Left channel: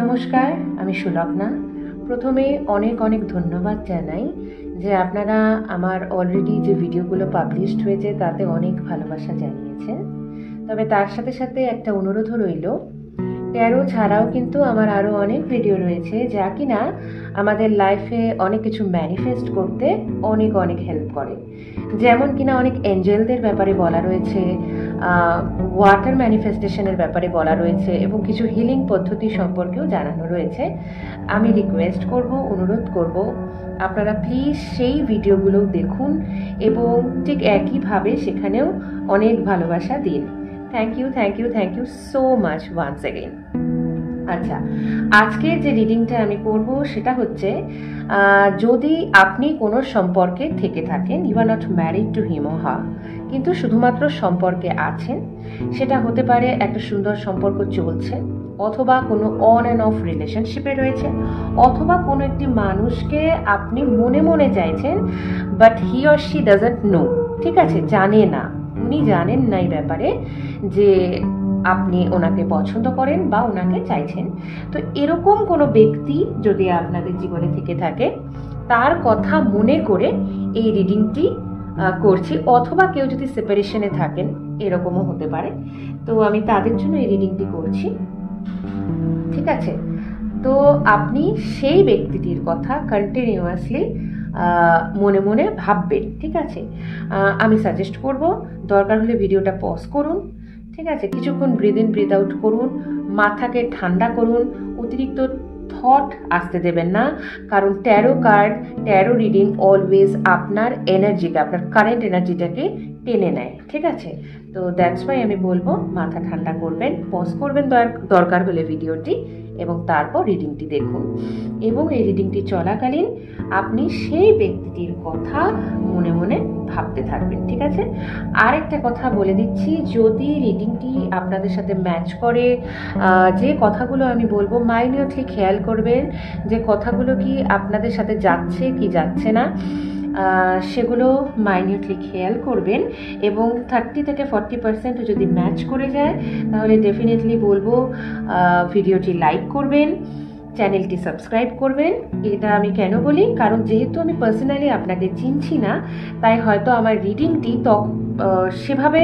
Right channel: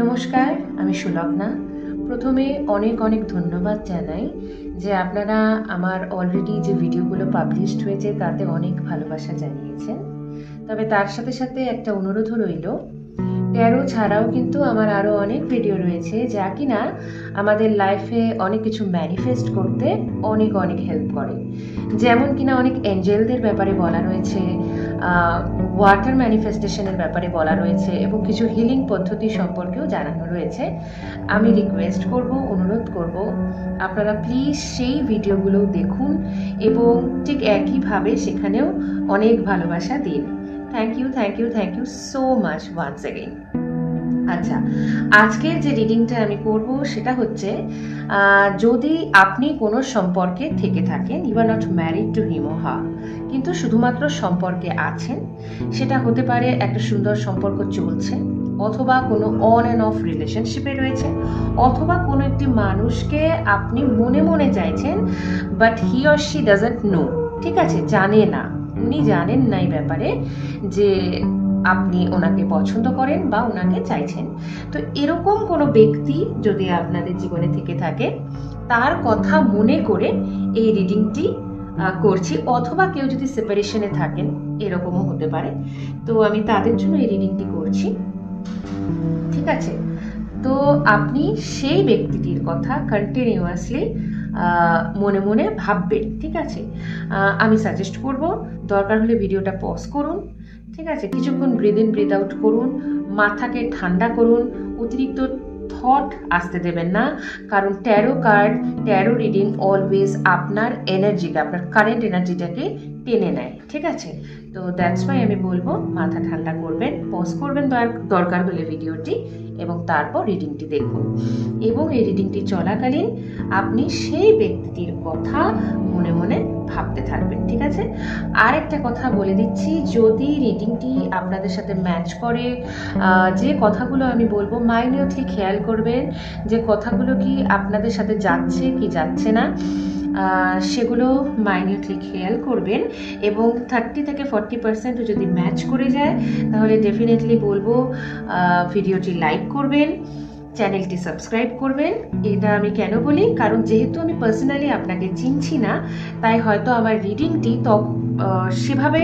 নমস্কার, আমি সুলগ্না। প্রথমে অনেক অনেক ধন্যবাদ জানাই যে আপনারা আমার অলরেডি যে ভিডিওগুলো পাবলিশড হয়েছে তাতে অনেক ভালোবাসা জানিয়েছেন। তবে তার সাথে সাথে একটা অনুরোধও রইল, ট্যারো ছাড়াও কিন্তু আমার আরও অনেক ভিডিও রয়েছে যা কিনা আমাদের লাইফে অনেক কিছু ম্যানিফেস্ট করতে অনেক অনেক হেল্প করে। যেমন কিনা অনেক এঞ্জেলদের ব্যাপারে বলা রয়েছে, ওয়াটার ম্যানিফেস্টেশনের ব্যাপারে বলা রয়েছে এবং কিছু হিলিং পদ্ধতি সম্পর্কেও জানানো রয়েছে। আমি রিকোয়েস্ট করব, অনুরোধ করব, আপনারা প্লিজ সেই ভিডিওগুলো দেখুন এবং ঠিক একইভাবে সেখানেও অনেক ভালোবাসা দিন। Thank you so much once again. আচ্ছা, আজকের যে রিডিংটা আমি করব সেটা হচ্ছে, যদি আপনি কোনো সম্পর্কে থেকে থাকেন, you are not married to him or her, কিন্তু শুধুমাত্র সম্পর্কে আছেন, সেটা হতে পারে একটা সুন্দর সম্পর্ক চলছে, অথবা কোনো অন অ্যান্ড অফ রিলেশনশিপে রয়েছে, অথবা কোনো একটি মানুষকে আপনি মনে মনে চাইছেন but he or she doesn't know, ঠিক আছে, জানে না, উনি জানেন না এই ব্যাপারে যে আপনি ওনাকে পছন্দ করেন বা ওনাকে চাইছেন। তো এরকম কোনো ব্যক্তি যদি আপনাদের জীবনে থেকে থাকে, তার কথা মনে করে এই রিডিংটি করছি। অথবা কেউ যদি সেপারেশনে থাকেন, এরকমও হতে পারে, তো আমি তাদের জন্য এই রিডিংটি করছি, ঠিক আছে। তো আপনি সেই ব্যক্তিটির কথা কন্টিনিউয়াসলি মনে মনে ভাববেন, ঠিক আছে। আমি সাজেস্ট করব, দরকার হলে ভিডিওটা পজ করুন, ঠিক আছে, কিছুক্ষণ ব্রিদ ইন ব্রিদ আউট করুন, মাথাকে ঠান্ডা করুন, অতিরিক্ত থট আসতে দেবেন না, কারণ taro card, taro reading always আপনার এনার্জিটা, আপনার কারেন্ট এনার্জিটাকে টেনে নেয়, ঠিক আছে। তো দ্যাটস ওয়াই আমি বলবো মাথা ঠান্ডা করবেন, পজ করবেন দরকার হলে ভিডিওটি, এবং তারপর রিডিংটি দেখুন। এবং এই রিডিংটি চলাকালীন আপনি সেই ব্যক্তিটির কথা মনে মনে ভাবতে থাকবেন, ঠিক আছে। আর একটা কথা বলে দিচ্ছি, যদি রিডিংটি আপনাদের সাথে ম্যাচ করে, যে কথাগুলো আমি বলবো মাইনিউটলি খেয়াল করবেন যে কথাগুলো কি আপনাদের সাথে যাচ্ছে কি যাচ্ছে না, সেগুলো মাইনিউটলি খেয়াল করবেন। এবং 30 থেকে 40% যদি ম্যাচ করে যায় তাহলে ডেফিনেটলি বলবো ভিডিওটি লাইক করবেন, চ্যানেলটি সাবস্ক্রাইব করবেন। এটা আমি কেন বলি, কারণ যেহেতু আমি পার্সোনালি আপনাকে চিনছি না, তাই হয়তো আমার রিডিংটি তো সেভাবে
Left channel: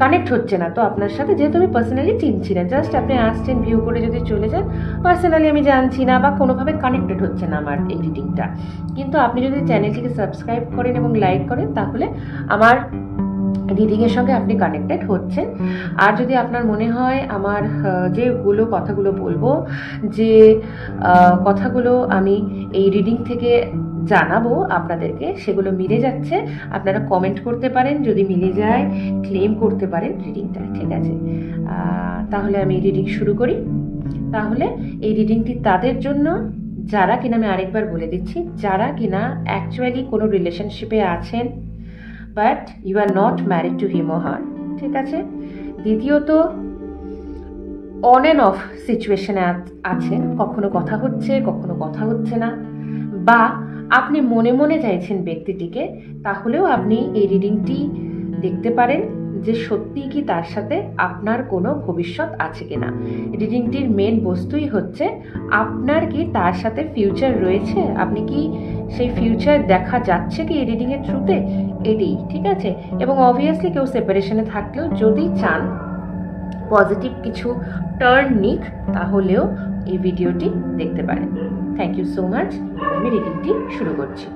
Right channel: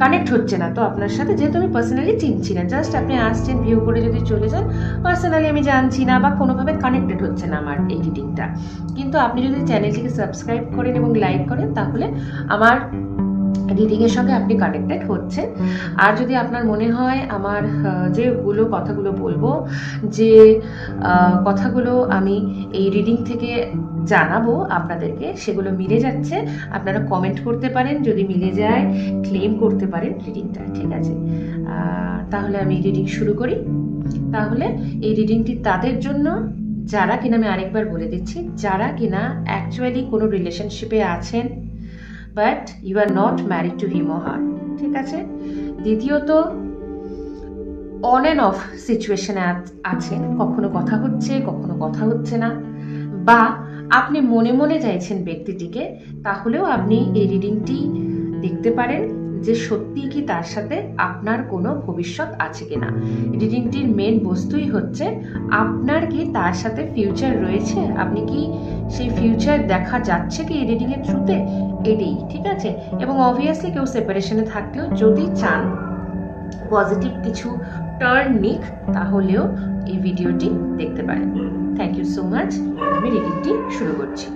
কানেক্ট হচ্ছে না। তো আপনার সাথে যেহেতু আমি পার্সোনালি চিনছি না, জাস্ট আপনি আসছেন, ভিউ করে যদি চলে যান, পার্সোনালি আমি জানছি না বা কোনোভাবে কানেক্টেড হচ্ছে না আমার এই রিডিংটা। কিন্তু আপনি যদি চ্যানেলটিকে সাবস্ক্রাইব করেন এবং লাইক করেন, তাহলে আমার রিডিংয়ের সঙ্গে আপনি কানেক্টেড হচ্ছেন। আর যদি আপনার মনে হয় আমার যেগুলো কথাগুলো বলবো, যে কথাগুলো আমি এই রিডিং থেকে জানাবো আপনাদেরকে, সেগুলো মিলে যাচ্ছে, আপনারা কমেন্ট করতে পারেন, যদি মিলে যায় ক্লেম করতে পারেন রিডিংটা, ঠিক আছে। তাহলে আমি রিডিং শুরু করি। তাহলে এই রিডিংটি তাদের জন্য যারা কিনা, আমি আরেকবার বলে দিচ্ছি, যারা কিনা অ্যাকচুয়ালি কোনো রিলেশনশিপে আছেন but you are not married to him or her, ঠিক আছে। দ্বিতীয়ত, অন অ্যান্ড অফ সিচুয়েশনে আছেন, কখনো কথা হচ্ছে কখনো কথা হচ্ছে না, বা আপনি মনে মনে চাইছেন ব্যক্তিটিকে, তাহলেও আপনি এই রিডিংটি দেখতে পারেন যে সত্যি কি তার সাথে আপনার কোনো ভবিষ্যৎ আছে কিনা। রিডিংটির মেন বস্তুই হচ্ছে আপনার কি তার সাথে ফিউচার রয়েছে, আপনি কি সেই ফিউচার দেখা যাচ্ছে কি এই রিডিং এর থ্রুতে, এটাই, ঠিক আছে। এবং অবভিয়াসলি কেউ সেপারেশনে থাকলেও যদি চান পজিটিভ কিছু টার্ন নিক, তাহলেও এই ভিডিওটি দেখতে পারেন। Thank you so much. আমি রিডিংটি শুরু করছি।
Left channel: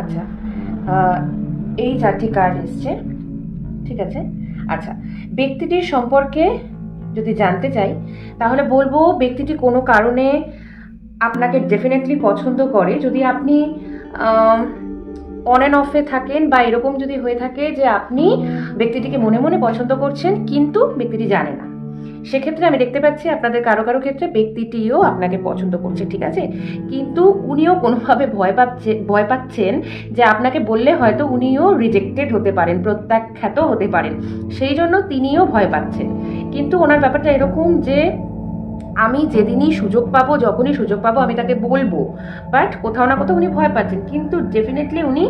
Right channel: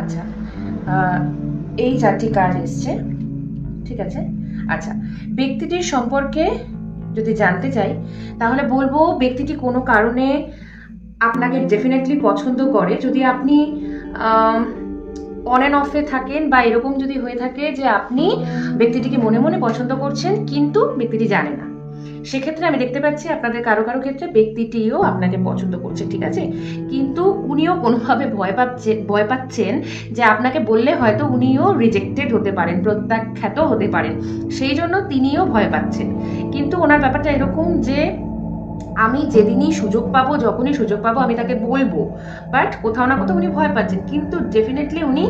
আচ্ছা, এই 4টি কার্ড এসছে, ঠিক আছে। আচ্ছা, ব্যক্তিটির সম্পর্কে যদি জানতে চাই তাহলে বলবো ব্যক্তিটি কোনো কারণে আপনাকে ডেফিনেটলি পছন্দ করে। যদি আপনি অন অ্যান্ড অফে থাকেন বা এরকম যদি হয়ে থাকে যে আপনি ব্যক্তিটিকে মনে মনে পছন্দ করছেন কিন্তু ব্যক্তিটি জানে না, সেক্ষেত্রে আমি দেখতে পাচ্ছি আপনাদের কারো কারো ক্ষেত্রে ব্যক্তিটিও আপনাকে পছন্দ করছে, ঠিক আছে, কিন্তু উনিও কোনোভাবে ভয় পাচ্ছেন যে আপনাকে বললে হয়তো উনিও রিজেক্টেড হতে পারেন, প্রত্যাখ্যাত হতে পারেন, সেই জন্য তিনিও ভয় পাচ্ছেন। কিন্তু ওনার ব্যাপারটা এরকম যে আমি যেদিনই সুযোগ পাবো, যখনই সুযোগ পাবো আমি তাকে বলবো, বাট কোথাও না কোথাও উনি ভয় পাচ্ছেন, কিন্তু ডেফিনেটলি উনি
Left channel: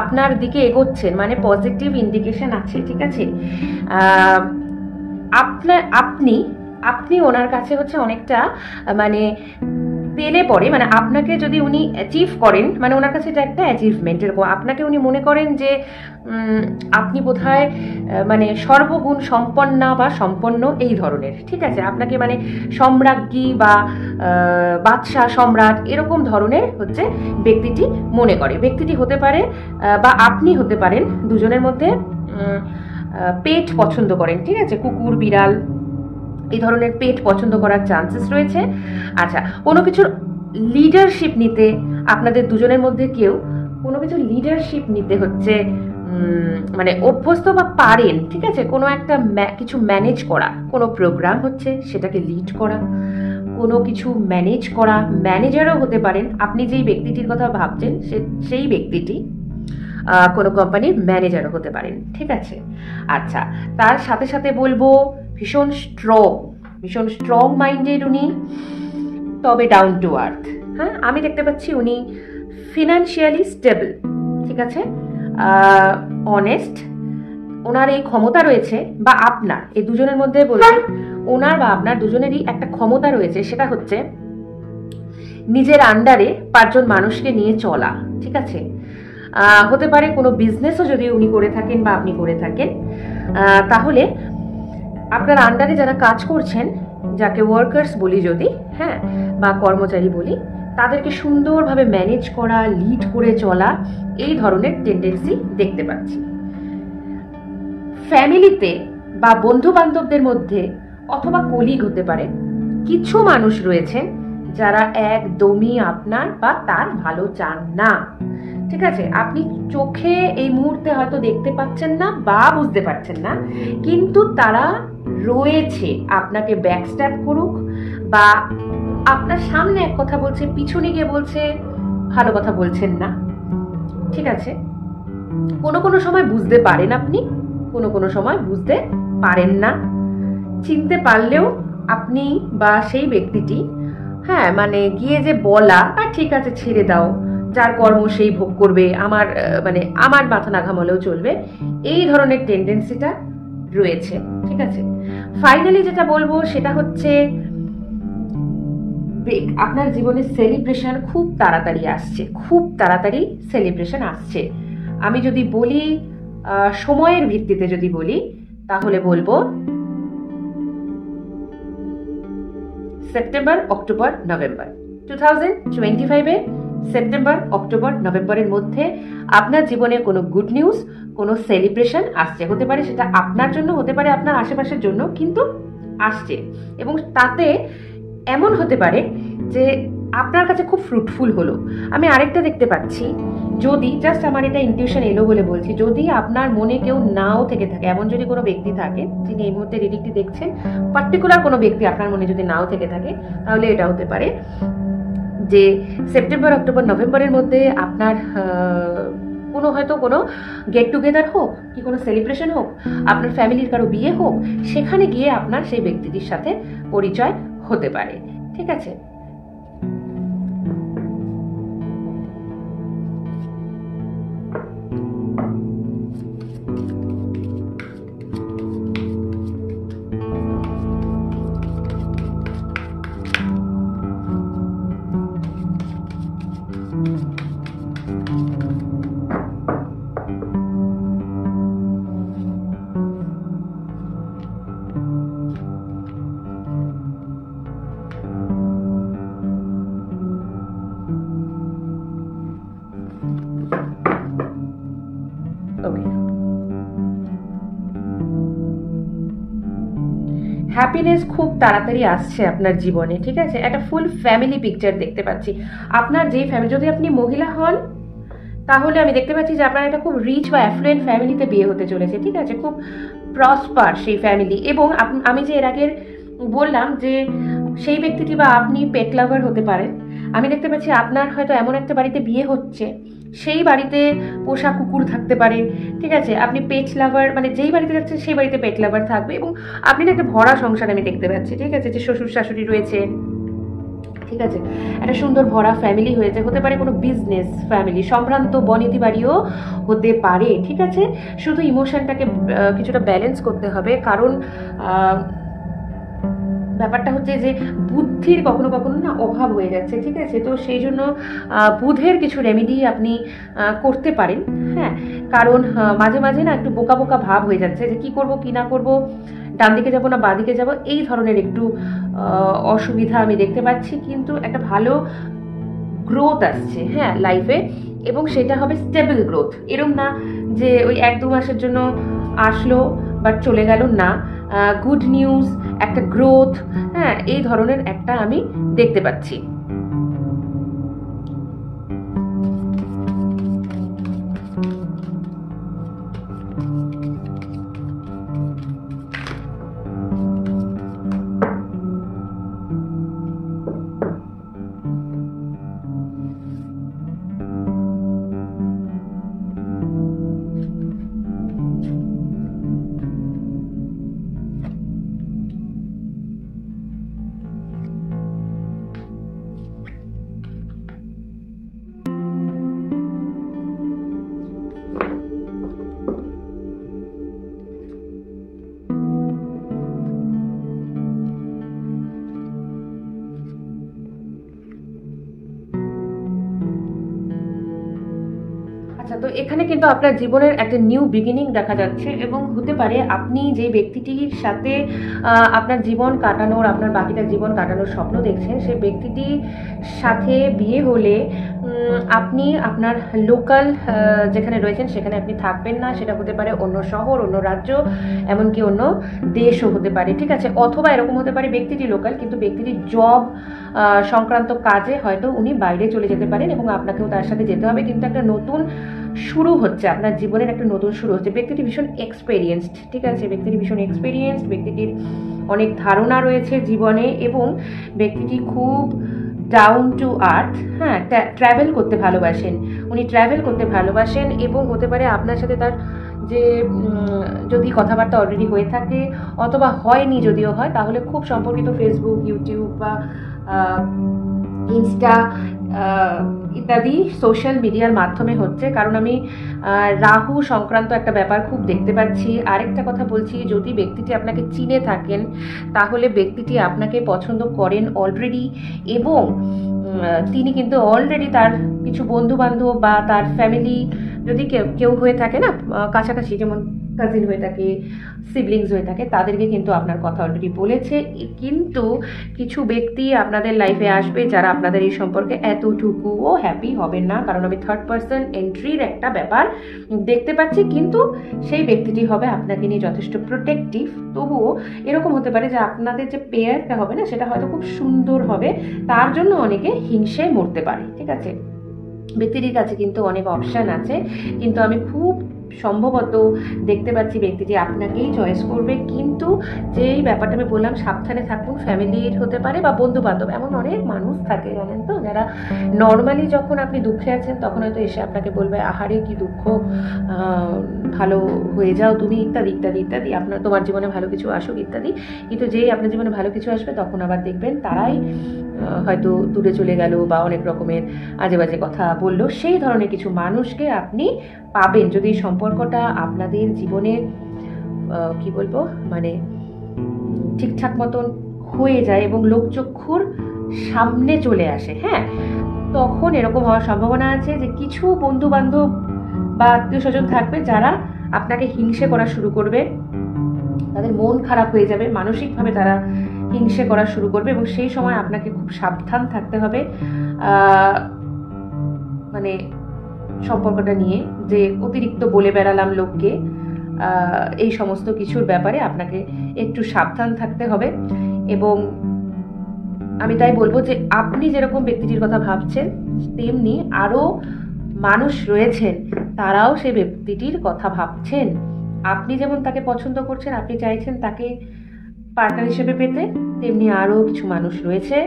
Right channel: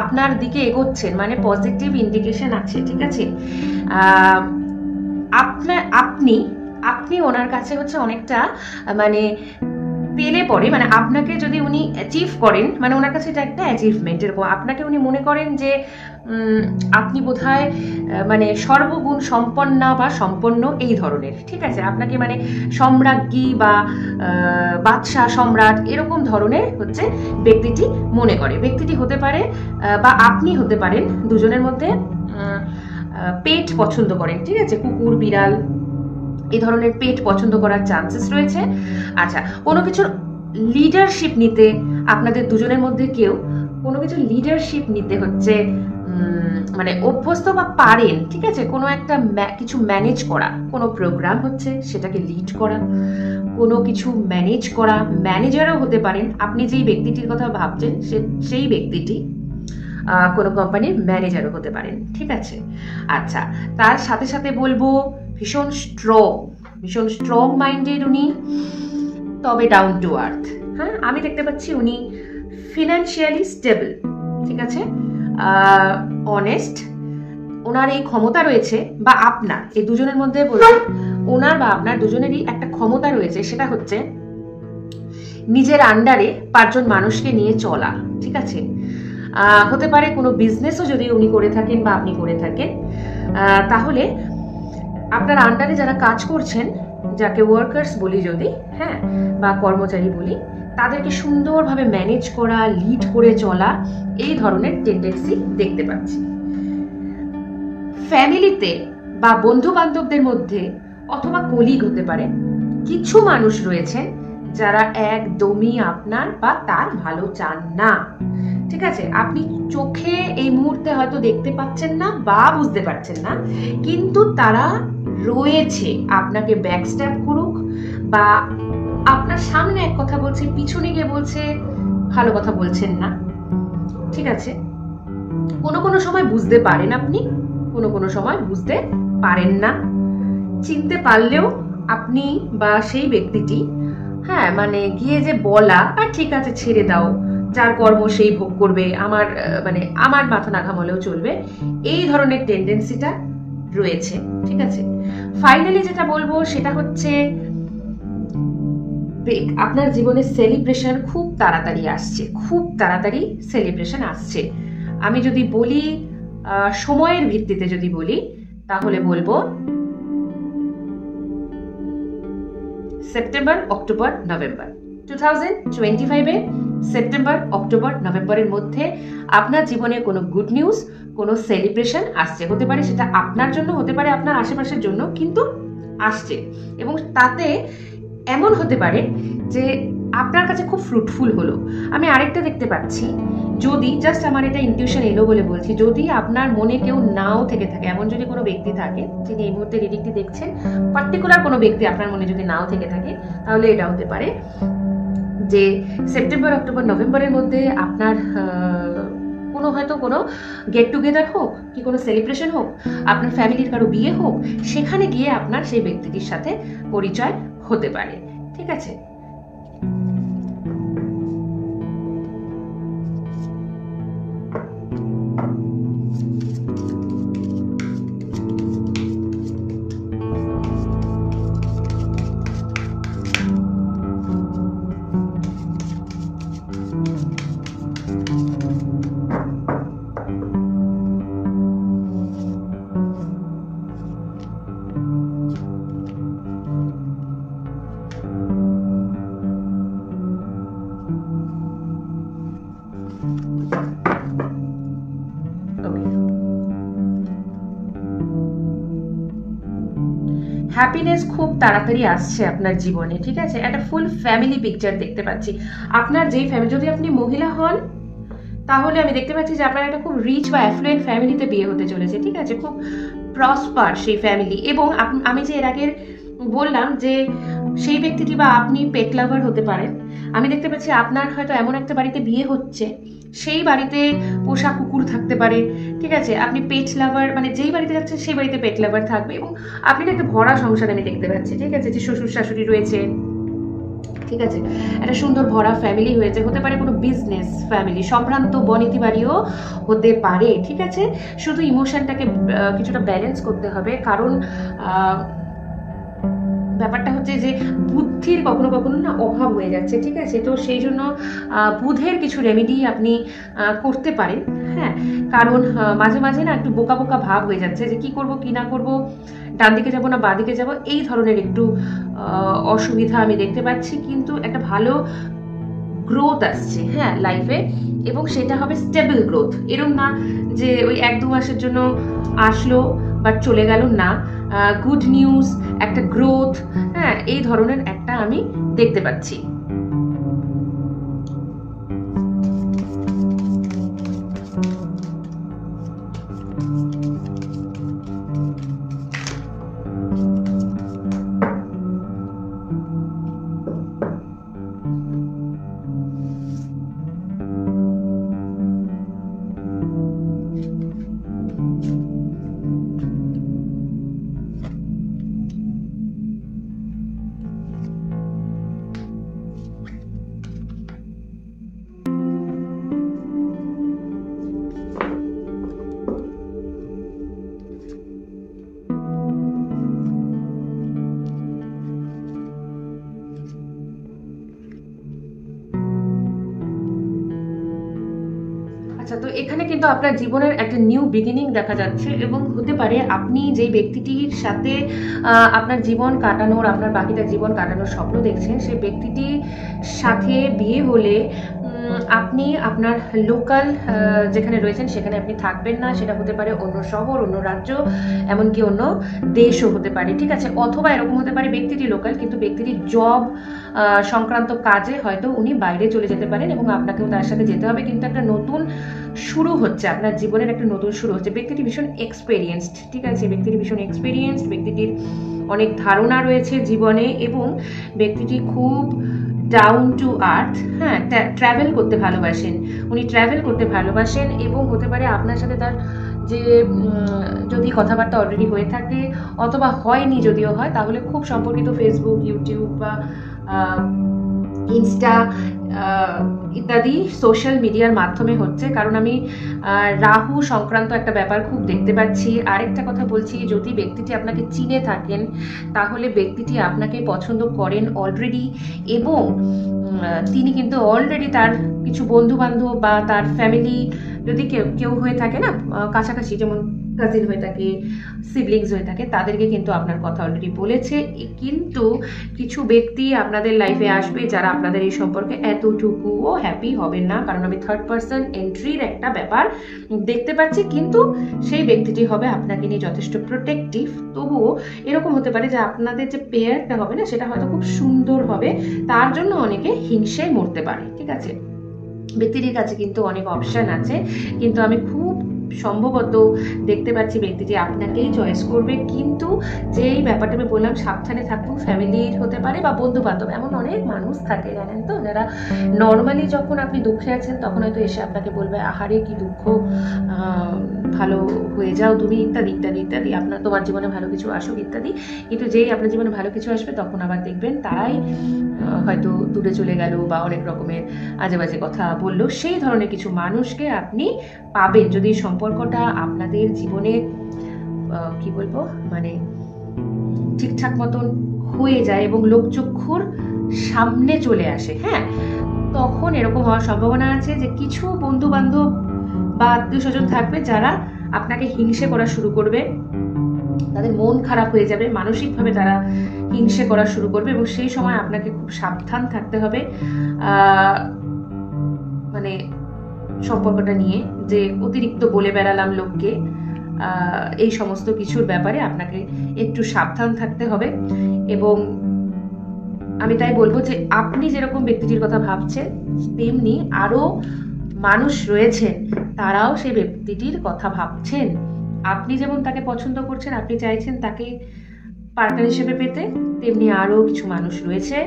আপনার দিকে এগোচ্ছেন, মানে পজিটিভ ইন্ডিকেশন আছে, ঠিক আছে। আপনি ওনার কাছে হচ্ছে অনেকটা মানে পেলে পরে, মানে আপনাকে যদি উনি অ্যাচিভ করেন, মানে ওনার কাছে এটা একটা অ্যাচিভমেন্ট, এরকম আপনাকে উনি মনে করেন যে আপনি বোধহয় মানে সর্বগুণ সম্পন্না বা সম্পন্ন এই ধরনের, ঠিক আছে, আপনাকে মানে সম্রাজ্ঞী বা বাদশাহ সম্রাট এরকম ধরনের হচ্ছে ব্যক্তিটি মনে করে। ব্যক্তিটি হতে পারে বা আপনি হতে পারেন দুজনের মধ্যে পেট পছন্দ করেন, ঠিক আছে, কুকুর বিড়াল এই ধরনের পেট পছন্দ করার চান্সেস রয়েছে। আচ্ছা, কোনো কিছুর লিডারশিপ নিতে আপনাদের দুজনের মধ্যে কেউ কোনো কিছু লিডারশিপ নিতে হচ্ছে মানে অভ্যস্ত বা পারেন, ঠিক আছে, কোনো একটা কিছু ম্যানেজ করা, কোনো প্রোগ্রাম হচ্ছে সেটাকে লিড করা, কোনো কিছু ম্যানেজ করা, ম্যানেজারও হতে পারেন, আপনি যেই ব্যক্তিটির কথা ভাবছেন সেই ব্যক্তিটি কোনো কোম্পানির ম্যানেজারও হতে পারেন, ঠিক আছে। আচ্ছা, তার সাথে সাথে বলবো ভীষণ স্ট্রং মাইন্ডেড উনি, তবে ডাউন টু আর্থ। হ্যাঁ, আমি দেখতে পাচ্ছি উনি ফিনান্সিয়ালি স্টেবল, ঠিক আছে, অনেস্ট, ওনার এই ক্ষমতা রয়েছে, বা আপনার এই দুজনের মধ্যে বলছি ওনার বা আপনার দুজনেরই একটা ক্ষমতা রয়েছে, সেটা হচ্ছে নিজের আন্ডারে 5 জন মানুষকে নিয়ে চলা, ঠিক আছে। হতে পারে কোনো বিজনেসও যদি উনি করে থাকেন বা আপনি করে থাকেন, তাহলে আপনার আন্ডারে যারা কাজ করছেন, যাকে ওয়ার্কার্স বলি যদি, হ্যাঁ, বা কর্মচারী বলি, তাদেরকে সুন্দরভাবে ম্যানেজ করা, লিড করে চলা, এই ধরনের টেন্ডেন্সি দেখতে পাচ্ছি। ফ্যামিলিতে বা বন্ধু বান্ধবদের মধ্যে অথবা কলিগ হতে পারে কিছু মানুষ রয়েছেন যারা একদমই আপনার বা তার ভালো চান না, ঠিক আছে। আপনি চোখে এই মুহূর্তে হয়তো দেখতে পাচ্ছেন না বা বুঝতে পারছেন না, কিন্তু তারা রয়েছে, আপনাকে ব্যাকস্ট্যাপ করুক বা আপনার সামনে এক কথা বলছে, পিছনে গিয়ে বলছে ভালো কথা বলছেন না, ঠিক আছে। কোনো সময় বুঝতে পারেন আপনি, কোনো সময় বুঝতে পারেন না, চিনতে পারলেও আপনি বা সেই ব্যক্তিটি, হ্যাঁ, মানে গিয়ে যে বলা ঠিক আছে ছেড়ে দাও, যার কর্ম সেই ভোগ করবে, আমার মাথা না ঘামলেও চলবে, এই ধরনের টেন্ডেন্সিটা রয়েছে, ঠিক আছে। ফাইনালি যেটা বলবো সেটা হচ্ছে আপনার জীবনে সেলিব্রেশন খুব তাড়াতাড়ি আসছে, খুব তাড়াতাড়ি সেলিব্রেশন আসছে। আমি যদি বলি সময়ের ভিত্তিতে যদি বলি তাহলে বলবো সেপ্টেম্বর, অক্টোবর, নভেম্বর 2025-এ সেপ্টেম্বর, অক্টোবর, নভেম্বরের মধ্যে আপনার জীবনে কোনো গুড নিউজ, কোনো সেলিব্রেশন আসছে। হতে পারে সেটা আপনার জন্য, হতে পারে আপনার আশেপাশের জন্য, কিন্তু আসছে। এবং তাতে এমন হতে পারে যে আপনার কাছে খুব ফ্রুটফুল হলো। আমি আরেকটা দেখতে পাচ্ছি, যদি জাস্ট আমার এটা ইনটিউশন এলো বলে বলছি, যদি আপনার মনে কেউ নাও থেকে থাকে, এমন যদি কোনো ব্যক্তি থাকে যিনি এই মুহূর্তে রিডিংটি দেখছেন, পার্টিকুলার কোনো ব্যক্তি আপনার মনে যদি নাও থেকে থাকে, তাহলে এটা হতে পারে যে সেপ্টেম্বর, অক্টোবর, নভেম্বরের মধ্যে আপনার হয়তো কোনো গেট টুগেদার হোক কি কোনো সেলিব্রেশন হোক, আপনার ফ্যামিলির কারো বিয়ে হোক, সেখানে গিয়ে আপনার সেই ব্যক্তিটির সাথে পরিচয় হতে পারে, ঠিক আছে। হ্যাপিনেস খুব তাড়াতাড়ি আসছে আপনার জীবনে, ঠিক আছে। একটা ফুল ফ্যামিলি পিকচার দেখতে পাচ্ছি। আপনার যে ফ্যামিলি, যদি আপনি মহিলা হন তাহলে আমি দেখতে পাচ্ছি যে আপনার একটা খুব রিচ বা অ্যাফ্লুয়েন্ট ফ্যামিলিতে বিয়ে হতে চলেছে, ঠিক আছে। খুব প্রসপার সেই ফ্যামিলি। এবং আমি যে এর আগে বললাম যে সেই ব্যক্তিটি বা আপনি পেট লাভার হতে পারেন। আমি দেখতে পাচ্ছি আপনার হয়তো এমন একটা বাড়িতে বিয়ে হচ্ছে, সেই বাড়িতে পোষা কুকুর থাকতে পারে, ঠিক আছে। আপনি পেট লাভার, মানে যেই বাড়িতে যাচ্ছেন সেই বাড়িতে পেট লাভার থাকবে। এবং আপনি না একটা ভরা সংসার আমি দেখতে পাচ্ছি, ঠিক আছে, যে শ্বশুর শাশুড়ি রয়েছে, ঠিক আছে। একটা সুন্দর ভরা ফ্যামিলি হয়েছে, হতে পারে কোনো বিজনেস ফ্যামিলি, সম্ভ্রান্ত বনেদি বাড়িও হতে পারে, ঠিক আছে। শুধু ইমোশনটাকে কিছুটা ব্যালেন্স করতে হবে, কারণ ব্যাপারটা হচ্ছে যে বুদ্ধির কখনো কখনো না অভাব হয়ে যাচ্ছে, ঠিক আছে। তো সেই জন্য বুধের কিছু রেমেডি আপনি করতে পারেন, হ্যাঁ। কারণ মাঝে মাঝে না একটু বোকা বোকা ভাব হয়ে যাচ্ছে, যে কি করব কি না করব, ডান দিকে যাবো না বাঁ দিকে যাবো, এই ধরনের একটু অসুবিধা আমি দেখতে পাচ্ছি। কিন্তু একটা ভালো গ্রোথ আসছে, হ্যাঁ, লাইফে। এবং সেটা হবে স্টেবল গ্রোথ, এরকম না যে ওই 1-2 মাসের জন্য আসলো বাট চলে গেল, না। গুড নিউজ, একটা গ্রোথ, হ্যাঁ, এই ধরনের একটা আমি দেখতে পাচ্ছি। আচ্ছা, তো এখানে কিন্তু আপনার জীবনের একটা নিউ বিগিনিং দেখা যাচ্ছে। এবং হতে পারে আপনি যে ব্যক্তিটির সাথে আপনার জীবন কাটানোর, আপনার বাকিটা জীবন কাটানোর স্বপ্ন দেখছেন, সেই ব্যক্তিটির সাথে বিয়ে হলে আপনি আপনার লোকাল যেখানে রয়েছেন সেখানে আপনি থাকবেন না। সেটা হতে পারে অন্য শহর, অন্য রাজ্য, এমনকি অন্য দেশও হতে পারে, ঠিক আছে। অথবা এরকম হতে পারে ব্যক্তিটি লোকাল, কিন্তু ব্যক্তিটির জব সংক্রান্ত কাজে হয়তো উনি বাইরে চলে যেতে পারেন এবং আপনাকেও তার সাথে যেতে হবে। কিন্তু একটা নতুন শুরু হচ্ছে, আপনার জীবনের একটা নতুন শুরু হচ্ছে। ব্যক্তিটি ভীষণ এক্সপেরিয়েন্সড, ঠিক আছে। ব্যক্তিটি ভীষণ এক্সপেরিয়েন্সড, ব্যক্তিটির অনেক ধারণা রয়েছে জীবনে, এবং ব্যক্তিটি খুব ডাউন টু আর্থ, হ্যাঁ। ট্রাভেল করতে ভালোবাসেন, উনি ট্রাভেল করতে ভালোবাসেন। এবং হতে পারে আপনার সাথে তার যে যদি কথাবার্তা অলরেডি হয়ে থাকে, অথবা হয়নি, যদিও হয় তাহলে খুব সম্পর্কিত ফেসবুক, ইউটিউব বা ইনস্টা ইত্যাদি সোশ্যাল মিডিয়ার মাধ্যমে হচ্ছে। কারণ আমি রাহু সংক্রান্ত একটা ব্যাপার খুব দেখতে পাচ্ছি। আরেকটা কথা বলছি, যদি ব্যক্তিটি আপনাকে চিনে থাকেন তাহলে ব্যক্তিটি আপনাকে পছন্দ করেন অলরেডি, এবং তিনি কিন্তু অলরেডি তার কিছু বন্ধু বান্ধব বা তার ফ্যামিলি, যদি কেউ হয়ে থাকে না কাছাকাছি, যেমন কাজিন হয়ে থাকে, সিবলিংস হয়ে থাকে, তাদেরকে কিন্তু আপনার কথা অলরেডি বলেছে। কিন্তু কিছু ব্যক্তি আপনাদের লাইফে আসবে যারা আপনাদের এই সম্পর্কে এতটুকুও হ্যাপি হবেন না, কারণ আমি থার্ড পার্সন এন্ট্রির একটা ব্যাপার দেখতে পাচ্ছি। কিন্তু সেই ব্যক্তিটি হবে আপনাকে নিয়ে যথেষ্ট প্রোটেক্টিভ। তবুও এরকম হতে পারে যে আপনাদের যে পেয়ারটা হবে না, সেটা হয়তো খুব সুন্দর হবে, তার জন্য অনেকে হিংসে মরতে পারে, ঠিক আছে। ব্যক্তিটির কাছে কিন্তু অনেক অপশন আছে, কিন্তু আমি খুব সম্ভবত দেখতে পাচ্ছি ব্যক্তিটি আপনাকেই চয়েস করবে। কিন্তু যেই ব্যাপারটা আমি বললাম, সাবধানে থাকুন, ফ্যামিলির হতে পারে বা বন্ধু বান্ধব, এমন অনেক মানুষ থাকে জানেন তো, যারা নর্মালি যখন আপনি দুঃখে আছেন তখন হয়তো এসে আপনাকে বলবে, আহারে কি দুঃখ, ভালো হয়ে যাও তুমি, ইত্যাদি ইত্যাদি ইত্যাদি, তোমার জীবনে ভালো কিছু আসুক ইত্যাদি। কিন্তু যেই আপনার জীবনে ভালো কিছু আসবে তখন আবার দেখবেন তারাই হয়তো দূরে চলে গেল বা অনেক রকমের আজে বাজে কথা বললো। সেই ধরনের কিছু মানুষকে আপনি পাবেন যদি সম্পর্কটা আপনাদের জীবনে কি বলবো, মানে ঠিকঠাক মতন হয়ে যায় এবং লোকচক্ষুর সামনে চলে আসে, হ্যাঁ। তখন এরকম হওয়ার সম্ভাবনা আছে যে কিছু বন্ধু বান্ধব বা আত্মীয় স্বজন থাকবে যারা আপনাকে হিংসে করা শুরু করবে, তাদের মন খারাপ হয়ে যাবে, মানসিকভাবে তারা হিংসে করা শুরু করবে। এবং সেই সময় আপনাকে খুব সাবধান থাকতে হবে মানে সম্পর্কটা নিয়ে, যে অতিরিক্ত বলে বেড়ালাম লোককে, এই সমস্ত কিছুর ব্যাপারে আপনাকে একটু সাবধান থাকতে হবে। এবং আমি তাই বলবো যে আপনি যেরকম ব্যক্তিটির কথা ভাবছেন, তেমনি আরো মানুষ রয়েছেন, তারাও সেই ব্যক্তিটির কথা ভাবছেন। আপনি যেমন তাকে পছন্দ করছেন, আপনি চাইছেন তাকে পার্টনার হিসেবে পেতে, তেমনি আরো কিছু মানুষ রয়েছে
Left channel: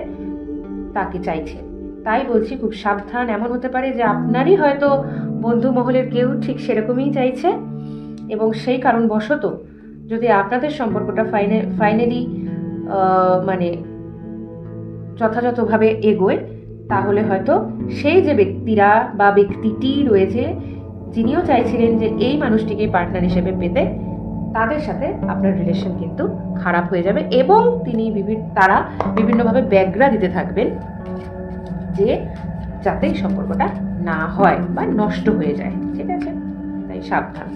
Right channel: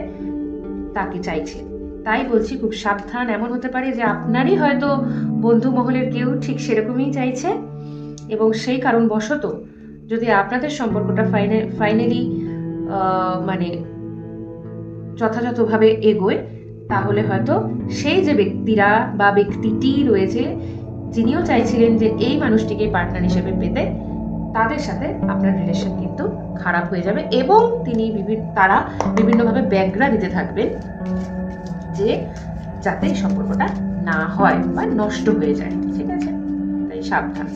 তাকে চাইছে। তাই বলছি খুব সাবধান। এমন হতে পারে যে আপনারই হয়তো বন্ধু মহলের কেউ ঠিক সেরকমই চাইছে, এবং সেই কারণবশত যদি আপনাদের সম্পর্কটা ফাইনালি মানে যথাযথভাবে এগোয়, তাহলে হয়তো সেই যে ব্যক্তিরা বা ব্যক্তিটি রয়েছে যিনিও চাইছিলেন যে এই মানুষটিকে পার্টনার হিসেবে পেতে, তাদের সাথে আপনার রিলেশন কিন্তু খারাপ হয়ে যাবে, এবং তারা বিভিন্নভাবে ব্যাগ্রা দিতে থাকবেন যে যাতে সম্পর্কটা না হয় বা নষ্ট হয়ে যায়। ঠিক আছে, তাই সাবধান।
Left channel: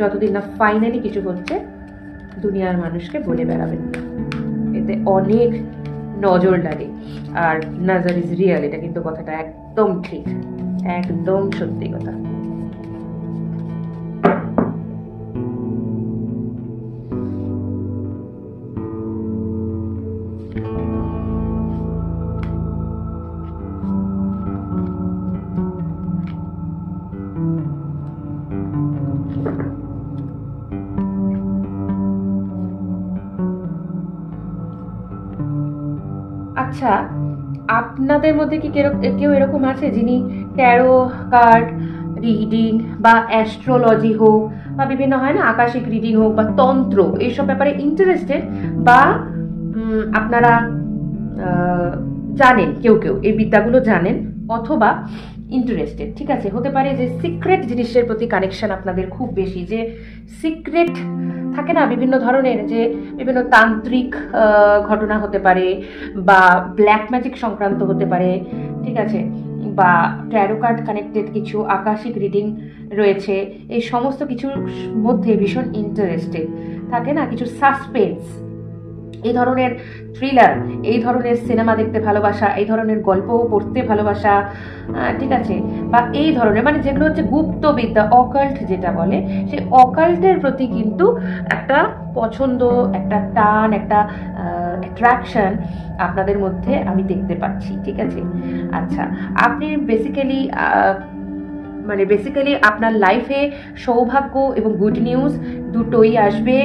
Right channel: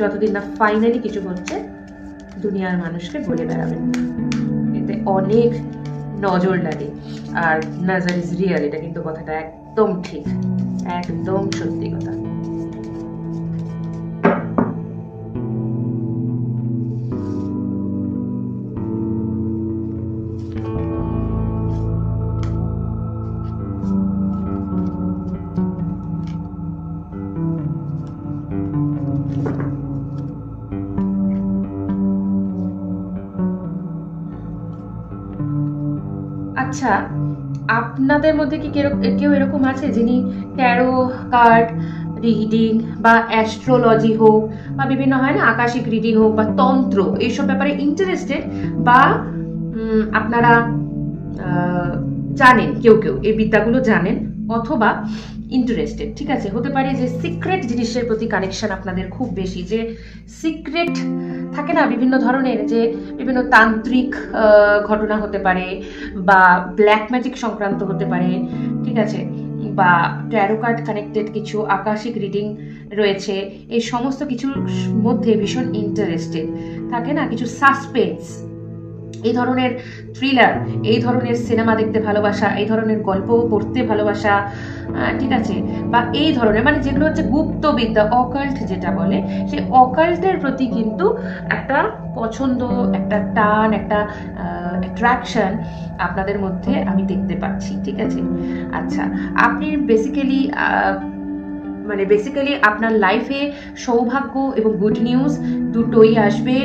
যতদিন না ফাইনালি কিছু হচ্ছে, দুনিয়ার মানুষকে বলে বেড়াবেন, এতে অনেক নজর লাগে। আর নজর ইজ রিয়েল, এটা কিন্তু কথাটা একদম ঠিক, একদম সত্যি কথা। আচ্ছা, আপনাদের মধ্যে কি কেউ এরকম আছে যিনি ট্যারো কার্ড রিডিং বা অ্যাস্ট্রোলজি হোক বা বিভিন্ন হয় না আকাশিক রিডিং হোক বা তন্ত্র, এইসব ব্যাপারে ইন্টারেস্টেড, বা আপনারা জানেন, কেউ এই বিদ্যাগুলো জানেন অথবা ইন্টারেস্টেড? ঠিক আছে, হতে পারে যে সিক্রেট জিনিসের প্রতি কানেকশন আপনাদের খুব বেশি, যে সিক্রেট থাকে না বিভিন্ন ধরনের, যে বিভিন্ন তান্ত্রিক ঘটনা হতে পারে বা ব্ল্যাক ম্যাজিক সংক্রান্ত হতে পারে, ঠিক আছে, বা ট্যারো কার্ড কানেক্টেড কিছু আকাশিক রিডিং রয়েছে, এই সমস্ত কিছুর মধ্যে ভীষণ ইন্টারেস্টেড থাকে না, কিছু সাসপেন্স, এই ধরনের থ্রিলার, এই ধরনের সিনেমা দেখতে ভালোবাসা, এই ধরনের গল্প পড়তে ভালোবাসা, ঠিক আছে, বা এই ধরনের মানে যেগুলো হচ্ছে গুপ্ত বিদ্যা, অকাল্ট যেটা বলে, সেই অকাল্টের প্রতি কিন্তু একটা পছন্দ, একটা টান, একটা অ্যাট্রাকশন আপনাদের মধ্যে আমি দেখতে পাচ্ছি। ঠিক আছে, আচ্ছা, আপনি বেসিক্যালি আপনার লাইফে সৌভাগ্য এবং গুড নিউজ দুটোই আসবে,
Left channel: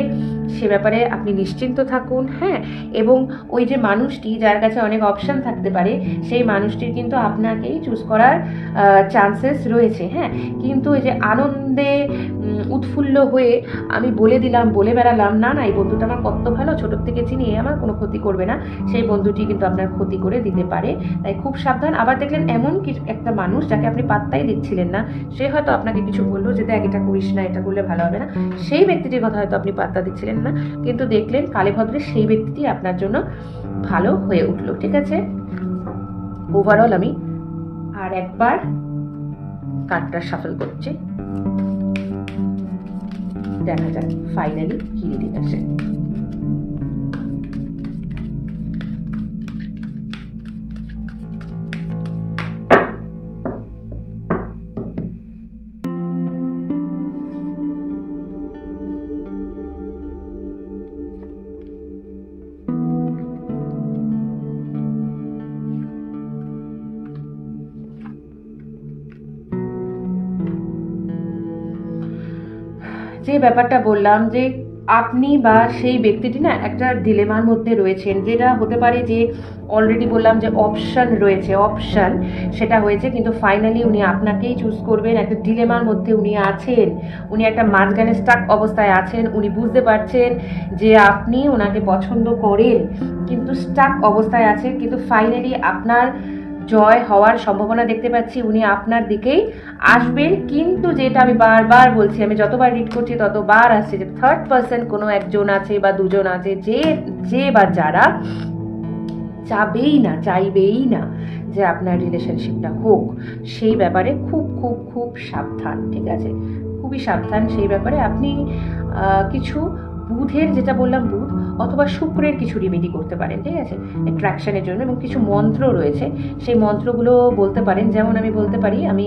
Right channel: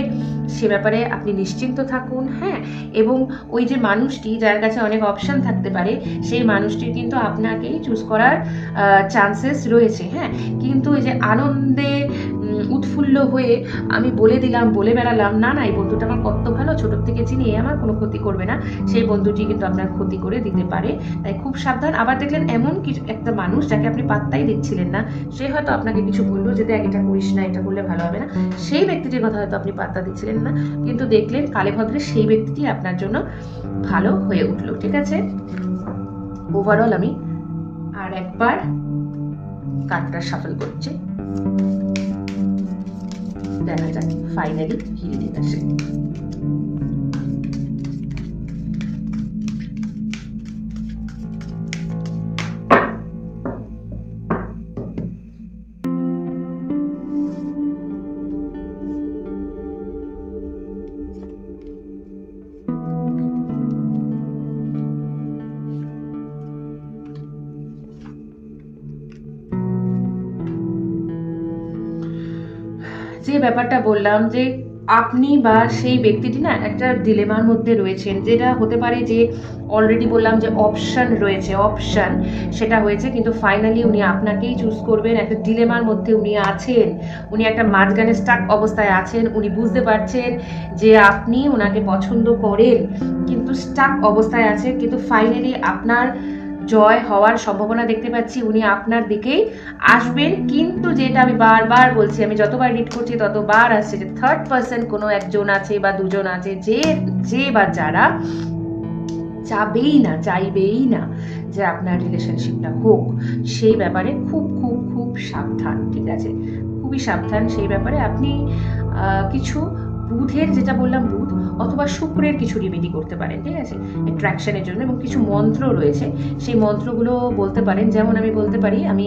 সে ব্যাপারে আপনি নিশ্চিন্ত থাকুন। হ্যাঁ, এবং ওই যে মানুষটি যার কাছে অনেক অপশন থাকতে পারে, সেই মানুষটির কিন্তু আপনাকেই চুজ করার চান্সেস রয়েছে। হ্যাঁ, কিন্তু ওই যে আনন্দে উৎফুল্ল হয়ে আমি বলে বেড়ালাম, না এই বন্ধুটা আমার কত ভালো, ছোটোর থেকে চিনি, আমার কোনো ক্ষতি করবে না, সেই বন্ধুটি কিন্তু আপনার ক্ষতি করে দিতে পারে। তাই খুব সাবধান। আবার দেখলেন এমন কিছু একটা মানুষ যাকে আপনি পাত্তাই দিচ্ছিলেন না, সে হয়তো আপনাকে কিছু বললো যে দেখ এটা করিস না, এটা করলে ভালো হবে না, সেই ব্যক্তিটির কথা হয়তো আপনি পাত্তা দিচ্ছিলেন না, কিন্তু দেখলেন কালে ভদ্রে সেই ব্যক্তিটি আপনার জন্য ভালো হয়ে উঠলো। ঠিক আছে, ওভারঅল আমি আর একবার কার্ডটা শাফল করছি, দেখা যাক ফাইনালি কি রিডিং আসে। যে ব্যাপারটা বললাম যে আপনি বা সেই ব্যক্তিটি না একটা ডিলেমার মধ্যে রয়েছেন, যেটা হতে পারে যে অলরেডি বললাম যে অপশন রয়েছে, সেটা হয়েছে, কিন্তু ফাইনালি উনি আপনাকেই চুজ করবেন। একটা ডিলেমার মধ্যে উনি আছেন, উনি একটা মাঝখানে স্টাক অবস্থায় আছেন, উনি বুঝতে পারছেন যে আপনি ওনাকে পছন্দ করেন, কিন্তু স্টাক অবস্থায় আছেন, কিন্তু ফাইনালি আপনার জয় হওয়ার সম্ভাবনা দেখতে পাচ্ছি, উনি আপনার দিকেই আসবেন। কিন্তু যেটা আমি বারবার বলছি, আমি যতবার রিড করছি ততবার আসছে যে থার্ড পার্সন কোনো একজন আছে বা দুজন আছে, যে বা যারা চাইবেই না যে আপনার রিলেশনশিপটা হোক। সেই ব্যাপারে খুব খুব খুব সাবধান। ঠিক আছে, খুবই সাবধান সেই ব্যাপারে। আপনি কিছু বুধের যেটা বললাম বুধ অথবা শুক্রের কিছু রেমেডি করতে পারেন, ঠিক আছে, অ্যাট্রাকশনের জন্য। এবং কিছু মন্ত্র রয়েছে, সেই মন্ত্রগুলো বলতে পারেন। যেমন আমি বলতে পারি, আমি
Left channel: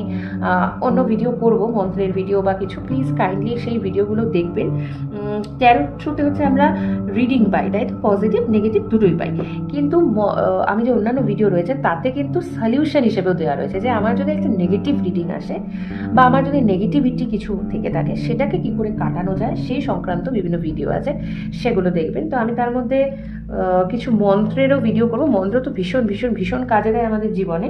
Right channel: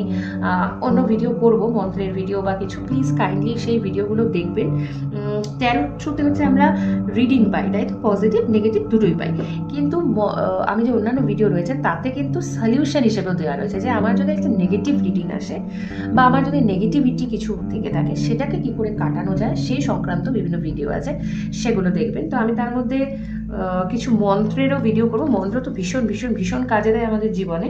অন্য ভিডিও করব মন্ত্রের ভিডিও বা কিছু, প্লিজ কাইন্ডলি সেই ভিডিওগুলো দেখবেন। ট্যারোট থ্রুতে হচ্ছে আমরা রিডিং পাই, তাই তো, পজিটিভ নেগেটিভ দুটোই পাই। কিন্তু আমি যে অন্যান্য ভিডিও রয়েছে তাতে কিন্তু সলিউশন হিসেবেও দেওয়া রয়েছে, যে আমার যদি একটা নেগেটিভ রিডিং আসে বা আমার যদি নেগেটিভিটি কিছু থেকে থাকে সেটাকে কি করে কাটানো যায় সেই সংক্রান্ত বিভিন্ন ভিডিও আছে, সেগুলো দেখবেন। তো আমি তার মধ্যে কিছু মন্ত্রেরও ভিডিও করব। মন্ত্র তো ভীষণ ভীষণ ভীষণ কাজে দেয় আমাদের জীবনে,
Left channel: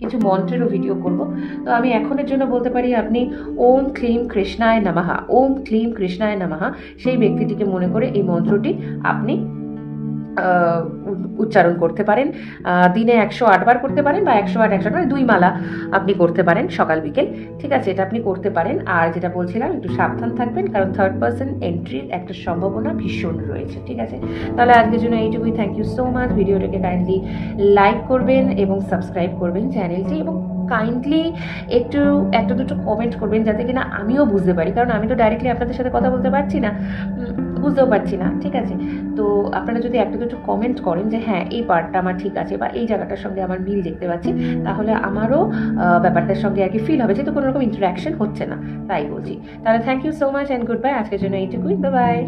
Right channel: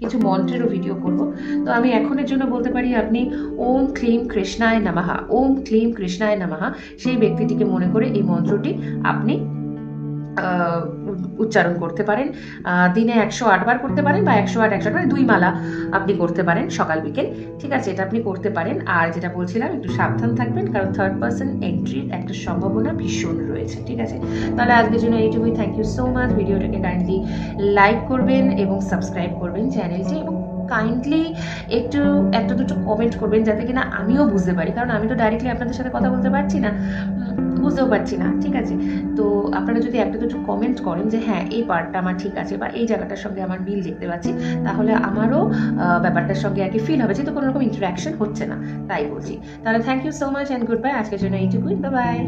কিছু মন্ত্রেরও ভিডিও করব। তো আমি এখনের জন্য বলতে পারি, আপনি ওম ক্লিম কৃষ্ণায় নমঃ, ওম ক্লিম কৃষ্ণায় নমঃ সেই ব্যক্তিটিকে মনে করে এই মন্ত্রটি আপনি উচ্চারণ করতে পারেন। দিনে 108 বার করতে পারেন, বা 108 108 2 মালা আপনি করতে পারেন সকাল বিকেল, ঠিক আছে, এটা আপনি করতে পারেন। আর যেটা বলছিলাম, একটু সাবধান থাকবেন, কারণ থার্ড পার্সন এন্ট্রির একটা সম্ভাবনা ভীষণ রয়েছে, ঠিক আছে। তাহলে আজকের জন্য এইটুকুই। Thank you so much. ভিডিওটাকে কাইন্ডলি লাইক করবেন এবং সাবস্ক্রাইব করবেন চ্যানেলটি, এবং কাইন্ডলি একটু একটা দুটো কমেন্ট করবেন, যাতে কিনা আমিও বুঝতে পারি, কারণ আমি তো ডাইরেক্টলি আপনাদের সাথে কথা বলতে পারছি না, বুঝতেও পারছি না, ঠিক আছে। তো আপনারা যদি একটা দুটো কমেন্ট করেন যে হ্যাঁ এই পার্টটা আমার ঠিক আছে বা এই জায়গাটার সঙ্গে আমার মিল দেখতে পাচ্ছি, তাহলে আমারও ব্যাপারটার সঙ্গে আর কি ফিল হবে, যেহেতু কোনো রকম ইন্টারাকশন হচ্ছে না, তাই বলছি। তাহলে thank you so much and good bye. আজকের জন্য এইটুকুই, বাই বাই।